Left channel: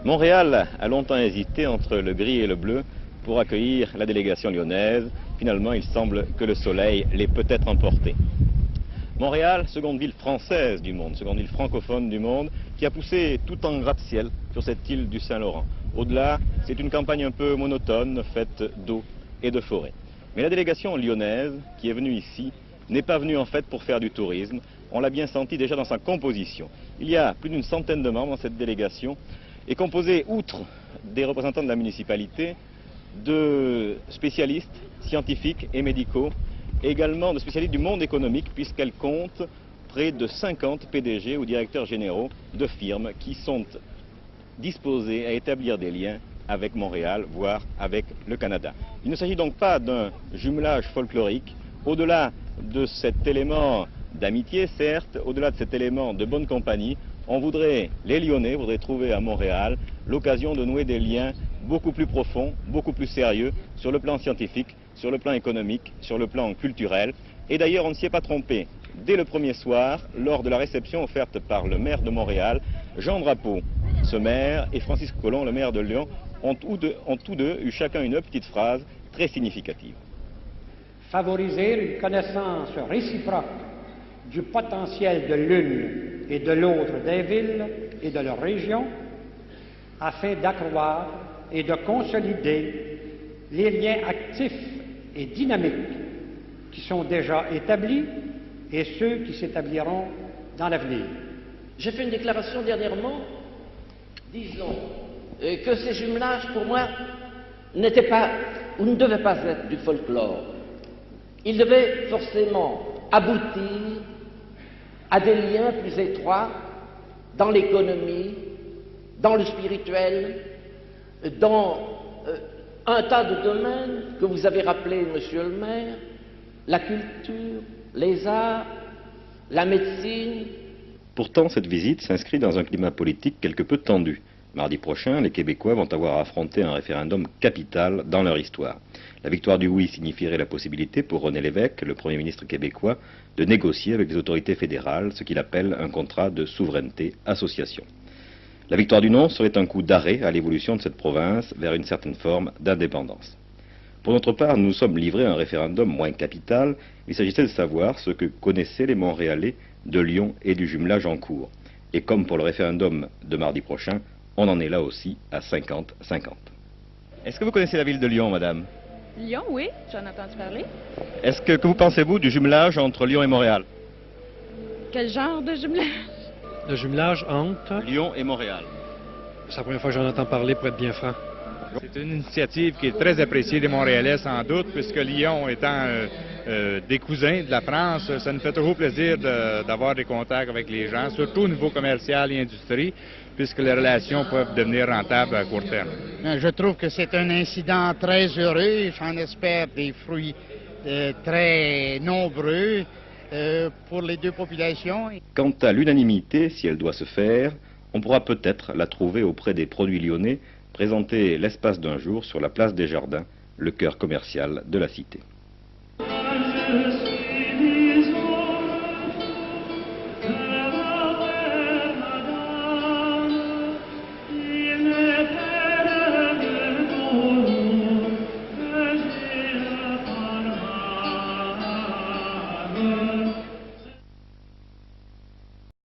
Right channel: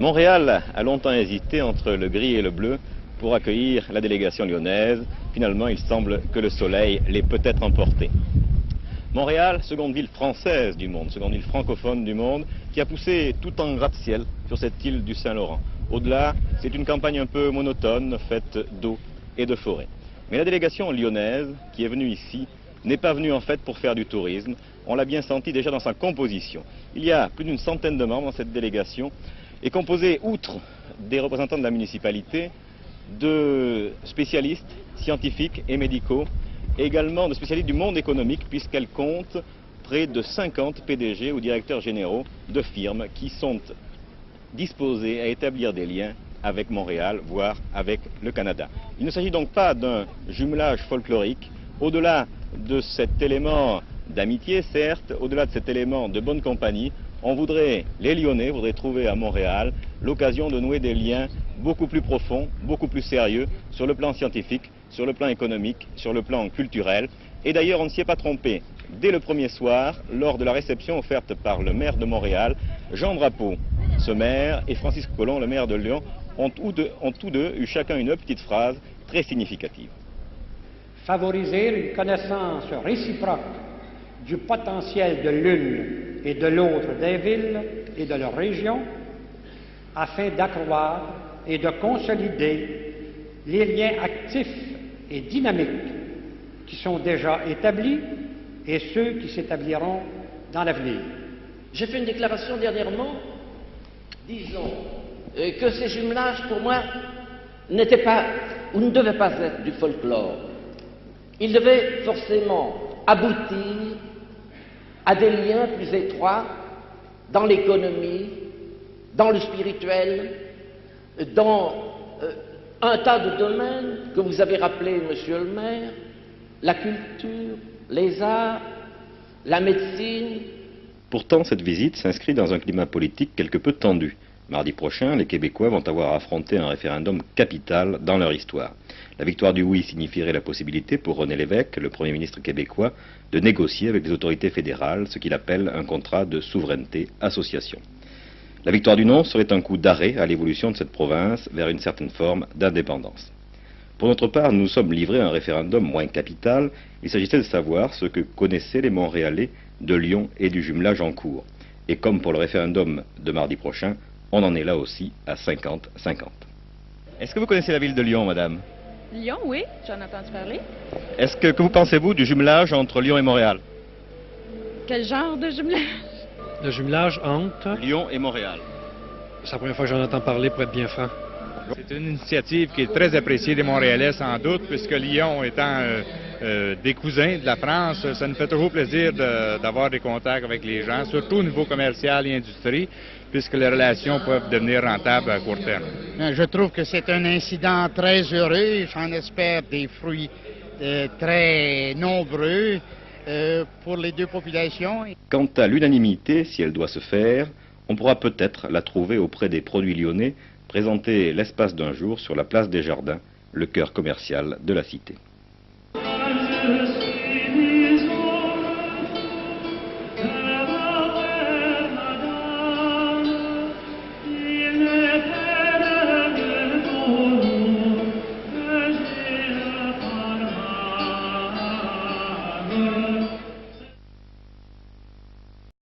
Montréal a longtemps hésité entre le gris et le bleu pour accueillir la délégation lyonnaise. Finalement, il semble que le soleil l'ait peut-être emporté. Montréal, seconde ville française du monde, seconde ville francophone du monde, qui a poussé tout en gratte-ciel sur cette île du Saint-Laurent. Au-delà, c'est une campagne un peu monotone, faite d'eau et de forêt. Mais la délégation lyonnaise, qui est venue ici, n'est pas venue en fait pour faire du tourisme. On l'a bien senti déjà dans sa composition. Il y a plus d'une centaine de membres dans cette délégation, et composée, outre des représentants de la municipalité, de spécialistes scientifiques et médicaux, et également de spécialistes du monde économique, puisqu'elle compte près de 50 PDG ou directeurs généraux de firmes qui sont disposés à établir des liens avec Montréal, voire avec le Canada. Il ne s'agit donc pas d'un jumelage folklorique, au-delà de cet élément d'amitié, certes, au-delà de cet élément de bonne compagnie, les Lyonnais voudraient trouver à Montréal l'occasion de nouer des liens beaucoup plus profonds, beaucoup plus sérieux, sur le plan scientifique, sur le plan économique, sur le plan culturel. Et d'ailleurs, on ne s'y est pas trompé. Dès le premier soir, lors de la réception offerte par le maire de Montréal, Jean Drapeau, ce maire, et Francis Collomb, le maire de Lyon, ont tous deux eu chacun une petite phrase très significative. Favoriser une connaissance réciproque du potentiel de l'une et de l'autre des villes et de leur région, afin d'accroître et de consolider les liens actifs et dynamiques qui sont déjà établis et ceux qui s'établiront dans l'avenir. J'ai fait une déclaration dernièrement, disons que ces jumelages, pour moi, n'étaient pas ou ne devaient pas être du folklore. Ils devaient forcément aboutir à des liens plus étroits dans l'économie, dans le spirituel, dans un tas de domaines que vous avez rappelé, monsieur le maire, la culture, les arts, la médecine. Pourtant, cette visite s'inscrit dans un climat politique quelque peu tendu. Mardi prochain, les Québécois vont avoir affronté un référendum capital dans leur histoire. La victoire du oui signifierait la possibilité pour René Lévesque, le Premier ministre québécois, de négocier avec les autorités fédérales ce qu'il appelle un contrat de souveraineté-association. La victoire du non serait un coup d'arrêt à l'évolution de cette province vers une certaine forme d'indépendance. Pour notre part, nous nous sommes livrés à un référendum moins capital. Il s'agissait de savoir ce que connaissaient les Montréalais de Lyon et du jumelage en cours. Et comme pour le référendum de mardi prochain, on en est là aussi à 50-50. Est-ce que vous connaissez la ville de Lyon, madame? Lyon, oui, j'en entends parler. Que vous pensez-vous du jumelage entre Lyon et Montréal? Quel genre de jumelage? Le jumelage entre Lyon et Montréal. C'est la première fois que j'en entends parler, pour être bien franc. C'est une initiative qui est très appréciée des Montréalais, sans doute, puisque Lyon étant des cousins de la France, ça nous fait toujours plaisir d'avoir des contacts avec les gens, surtout au niveau commercial et industrie, puisque les relations peuvent devenir rentables à court terme. Je trouve que c'est un incident très heureux. J'en espère des fruits très nombreux pour les deux populations. Quant à l'unanimité, si elle doit se faire, on pourra peut-être la trouver auprès des produits lyonnais, présenter l'espace d'un jour sur la place des Jardins, le cœur commercial de la cité.